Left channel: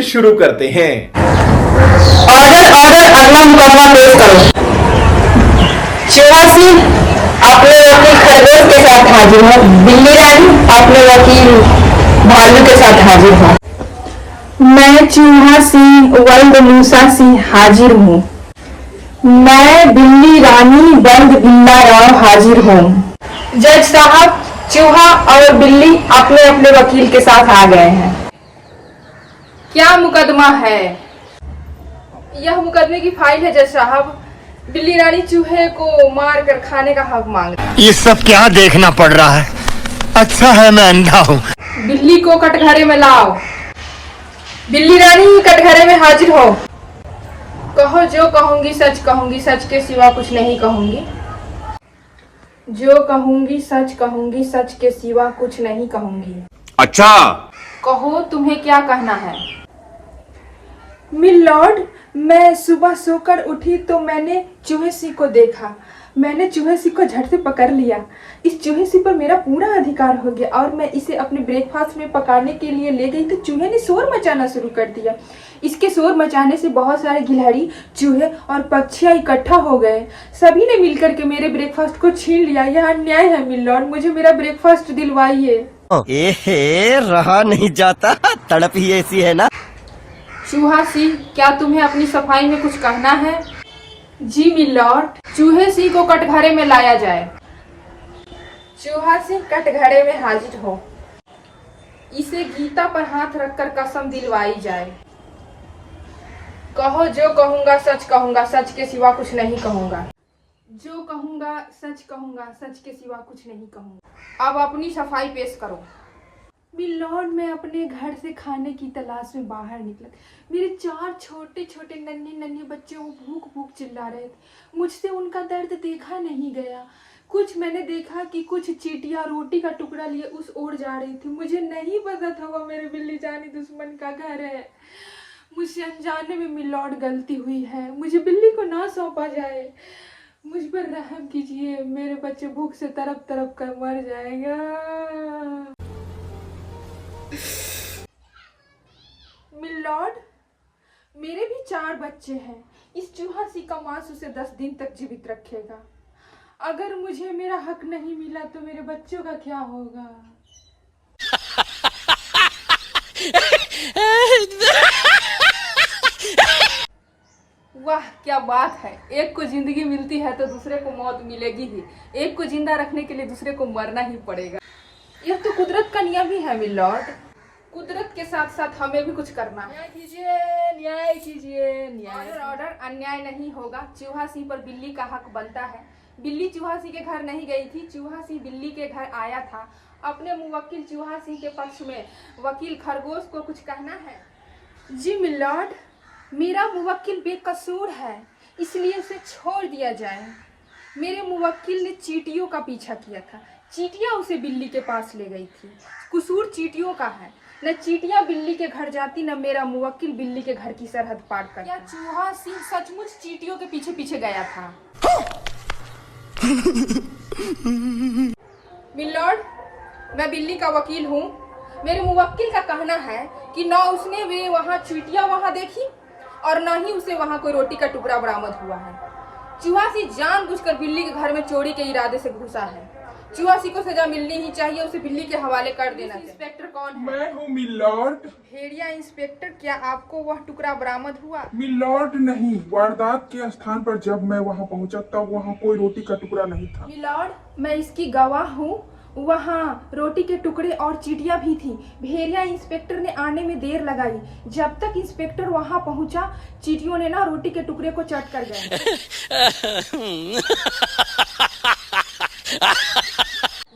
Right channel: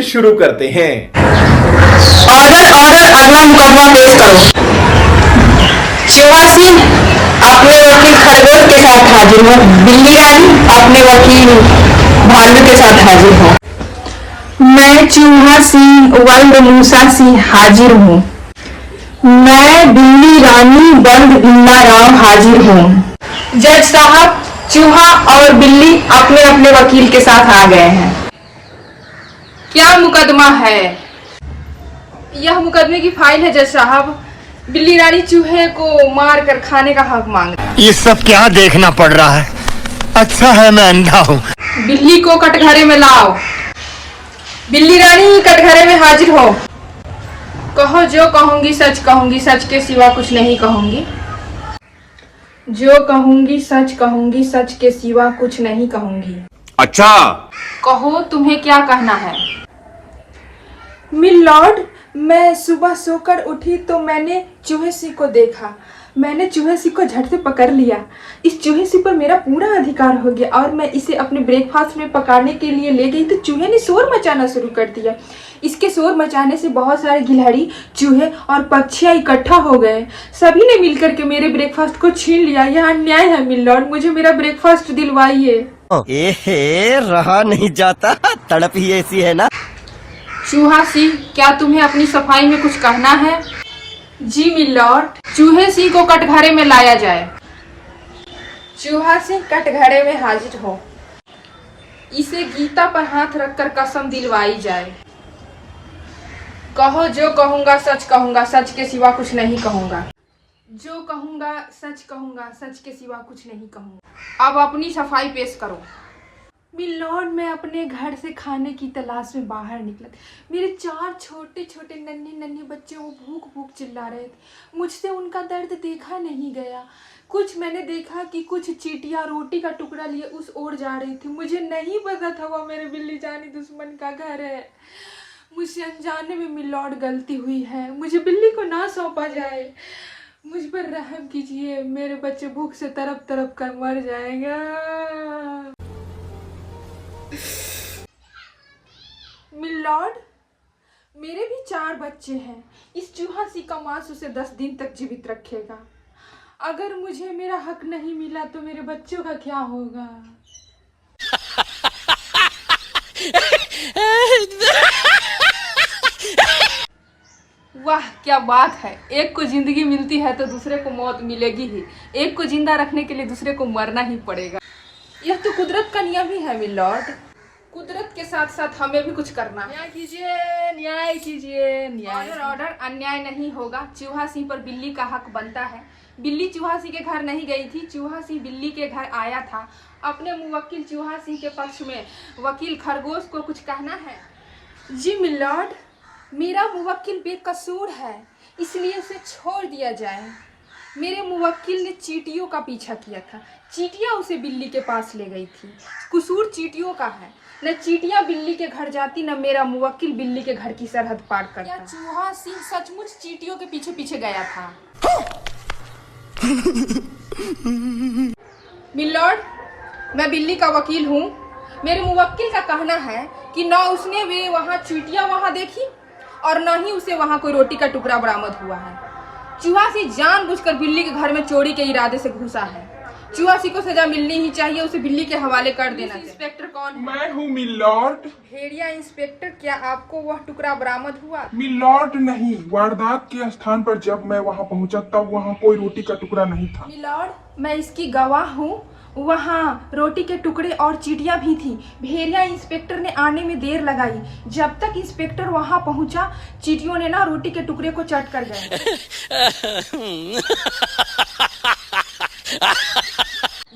से शुरू करते हैं। ऑर्डर ऑर्डर, अगला मुकदमा पेश करो। चूहा सिंह अपने वकील खरगोश के साथ हाजिर हो। बिल्ली रानी अपने वकील भालू के साथ हाजिर हो। मैं चूहा सिंह वल्द मूसा सिंह हाजिर हूँ। मैं बिल्ली रानी वल्द बिल्ला राम हाजिर हूँ। जज साहब, चूहा और बिल्ली अपने अपने वकील के साथ आ गए हैं। क्या मुकदमा है? यह मुकदमे की फाइल है जज साहब। बिल्ली रानी चूहे को मार कर खाने का हक मांग रही है। ये सब क्या देखना पड़ रहा है? अच्छा है मैं अंधा हूँ। बिल्ली को कटघरे में लाओ। बिल्ली रानी कटघरे में हाजिर हो। कहो जो कहूंगी सच कहूंगी, सच के सिवा कुछ नहीं कहूंगी। जो कहूंगी सच कहूंगी, सच के सिवा कुछ नहीं कहूंगी। अच्छा, कहो तुम्हें क्या कहना है? मिलॉर्ड, मैं सुबह सोकर उठी तो मैंने चूहे सिंह को देखा। मैंने चूहे सिंह को झट से पकड़ लिया। इस चूहे सिंह पर मेरा पूरा अधिकार हो गया और मैं इसे अपने ब्रेकफास्ट में पकाने के लिए ले गई तो चूहे ने शोर मचाना शुरू कर दिया। इसके शोर मचाने से बहुत सारे गिलहरी, चूहे और पक्षियाँ इकट्ठा हो गए। सभी ने मिलकर के मेरे ब्रेकफास्ट को छीन लिया। यह अन्याय है मिलॉर्ड, मुझे मेरा ब्रेकफास्ट दिलवाइए। रहा नहीं जाता, तड़प ही ऐसी है ना। चूहा सिंह, क्या तुम्हें अपनी सफाई में कुछ कहना है? जी मिलॉर्ड। चूहे सिंह को कटघरे में लाया जाए। चूहा सिंह कटघरे में हाजिर हो। इसे गीता पर हाथ रखकर कसम दिलवाई जाए। कहो जो कहूंगा सच कहूंगा, सच के सिवा कुछ नहीं कहूंगा। जो कहूंगा सच कहूंगा, सच के सिवा कुछ नहीं कहूंगा। अब अपनी सफाई पेश करो। मिलॉर्ड, मैं अपने घर से खाने की तलाश में बाहर निकला। मेरे 4 छोटे छोटे नन्ही नन्ही बच्चे वो भूख भूख चिल्ला रहे थे। मुझसे उनका दर्द देखा नहीं गया। कुछ मैंने देखा कि कुछ चींटियां रोटी का टुकड़ा लिए उस ओर जा रही थी। मुझे नहीं पता था वो मेरे बिल्ली जानी दुश्मन का घर है। मुझसे अनजाने में मिलॉर्ड गलती हुई है। मुझे बिल्ली को ना सौंपा जाए। मुझ पर रहम कीजिए, मेरे बच्चे भूख से तरफ तरफ कर मर जाएगा। मिलॉर्ड, मेरे भी 4 बच्चे हैं। इस चूहा सिंह का मांस उसे 10 दिन तक जीवित रखेगा। अगर मुझे मेरा हक नहीं मिला तो मेरे बच्चों का क्या होगा? वाह क्या बात है। एक को जिंदगी मिलती है तो दूसरे को मौत मिलेगी ही। एक को जिंदा रखने के लिए दूसरे को मरना ही पड़ेगा। यह तो कुदरत का नियम ही है मिलॉर्ड। कुदरत के साथ साथ हमें भी कुछ करना है। न्याय कीजिए, न्याय कीजिए, न्याय। ऑर्डर ऑर्डर, अन्याय नहीं होगा। चूहा सिंह पर बिल्ली का हक बनता है। बिल्ली चूहा सिंह के घर नहीं गई थी, चूहा सिंह बिल्ली के घर आया था। अपने मुवक्किल चूहा सिंह के पक्ष में वकील खरगोश को कुछ कहना है? जी मिलॉर्ड, मेरा मुवक्किल बेकसूर है, इसलिए इसे छोड़ दिया जाए। मेरे मुवक्किल ने चींटियों का पीछा किया था। चींटियां उसे बिल्ली के पास ले गई थी। कसूर चींटियों का है। न चींटियां बिल्ली के घर जाती, न मेरा मुवक्किल बिल्ली के घर की सरहद पार करता। क्या चूहा सिंह सचमुच चींटियों के पीछे पीछे गया था? मिलॉर्ड, मैं बिल्ली का वकील हूँ। मेरे मुवक्किल का कहना है कि न उसने वे वहाँ चींटियां वहाँ देखी और न ही उसे वहाँ कोई रोटी का टुकड़ा बरामद हुआ है। चूहा सिंह जानबूझकर बिल्ली के घर में चोरी के इरादे से घुसा है। चूहा सिंह को सजा मिलनी ही चाहिए। उसे बिल्ली के हवाले कर देना चाहिए। इंस्पेक्टर कौन है? मैं हूँ मिलॉर्ड। भेड़िया इंस्पेक्टर, क्या आपको वह टुकड़ा बरामद हुआ? मिलॉर्ड नहीं, वारदात के स्थान पर जब मैं वहाँ पहुँचा तब वहाँ कोई रोटी का टुकड़ा नहीं था। मिलॉर्ड, मैं इसकी गवाह हूँ। वहाँ रोटी के टुकड़े और चींटियां भी थी। भेड़िया इंस्पेक्टर ने आने में देर लगाई। जब तक इंस्पेक्टर वहाँ पहुँचा, चींटियों ने ना रोटी के टुकड़े को चट कर गए।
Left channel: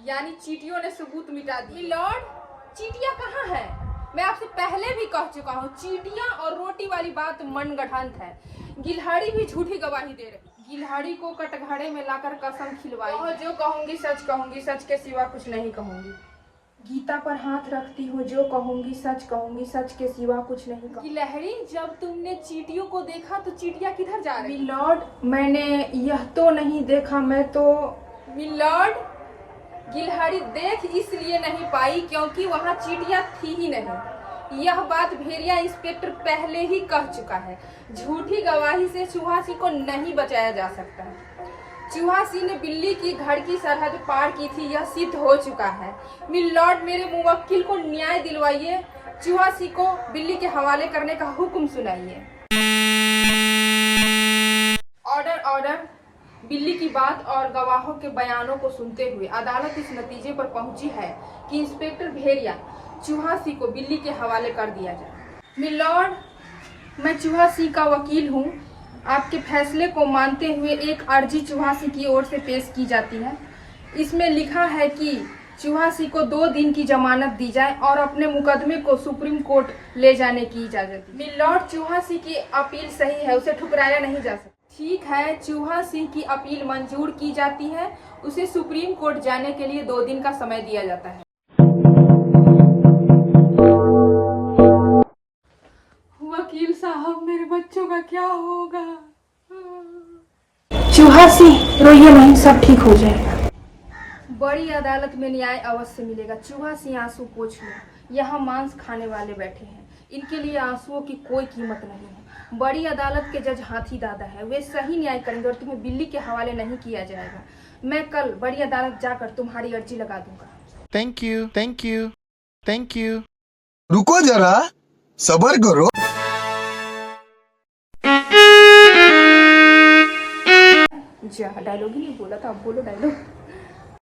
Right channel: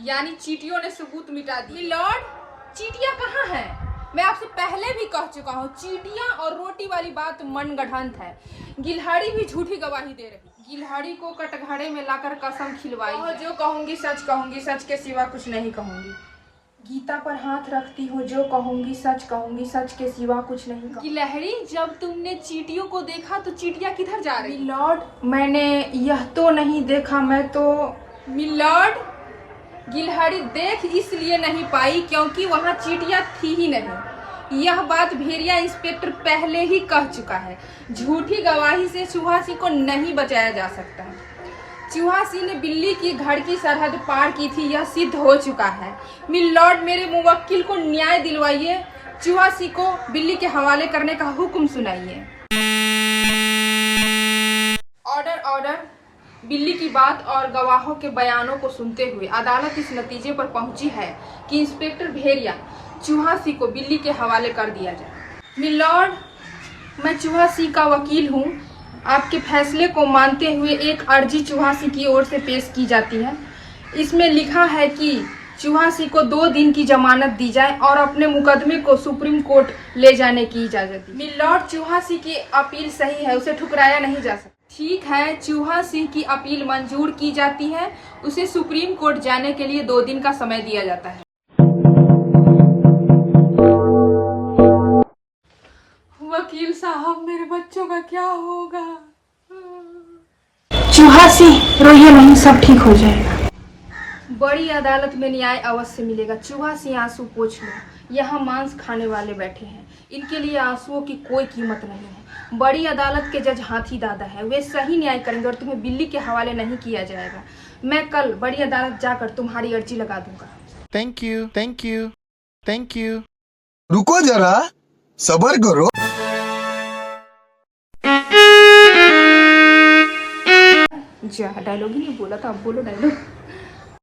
यानी चींटियों ने सबूत मिटा दी। मिलॉर्ड, चींटियां कहाँ हैं? मैं आपसे पहले भी कह चुका हूँ, चींटियां और रोटी वाली बात मनगढ़ंत है। गिलहरी भी झूठी गवाही दे रही। गिलहरी को कटघरे में लाकर कसम खिलवाई। और जो कहूंगी सच कहूंगी, सच के सिवा कुछ नहीं कहूंगी। गीता पर हाथ रखती हूँ, जो कहूंगी सच के सिवा कुछ नहीं कहूंगी। गिलहरी, जब तुमने चींटियों को देखा तो चींटियां किधर जा रही? मिलॉर्ड, मैंने यह तो नहीं देखा। मैं तो मिलॉर्ड, गिलहरी देख इसलिए नहीं पाई क्योंकि वहाँ चींटियां थी ही नहीं। यह बात भेड़िया इंस्पेक्टर पहले ही कह चुका है। झूठी गवाही से चूहा सिंह को नहीं बचाया जा सकता है। चूहा सिंह ने बिल्ली की घर की सरहद पार की थी, यह सिद्ध हो चुका है। मिलॉर्ड, मेरे मुवक्किल को न्याय दिलवाइए। चूहा सिंह को बिल्ली के हवाले करने का हुक्म सुनाइए। Order order. बिल्ली की बात और गवाहों के बयानों को सुनते हुए अदालत इस नतीजे पर पहुंची है कि इंस्पेक्टर भेड़िया चूहा सिंह को बिल्ली के हवाले कर दिया जाए। मिलॉर्ड, मैं चूहा सिंह का वकील हूँ। आपके फैसले को मानते हुए एक अर्जी चूहा सिंह की ओर से पेश की जाती है। इसमें लिखा है कि चूहा सिंह को 2 दिन की जमानत दी जाए और अपने मुकदमे को सुप्रीम कोर्ट ले जाने की इजाजत दी। मिलॉर्ड, चूहा सिंह की अपील सही है, उसे ठुकराया नहीं जा सकता। ठीक है, चूहा सिंह की अपील मंजूर की जाती है। उसे सुप्रीम कोर्ट जाने के लिए 2 दिन का समय दिया जाता है। वकील साहब, मेरे बच्चों का क्या होगा? चूहा सिंह, रोइए नहीं, सब ठीक हो जाएगा। बड़ी अदालत में न्याय अवश्य मिलेगा। चूहा सिंह, आंसू पोंछ लो। यहाँ मांस खाने वाले बैठे हैं, इनके लिए आंसुओं की कोई कीमत नहीं है। बड़ी अदालत के जज हाथी दादा है, वे सही न्याय करेंगे और तुम्हें बिल्ली के हवाले नहीं किया जाएगा। मैं कल बड़ी अदालत जाकर तुम्हारी अर्जी लगा दूंगा। Thank you, thank you, thank you. रुको जरा, सबर करो। जा, डायलॉग ही नहीं बोला था, अब बोलो डायलॉग।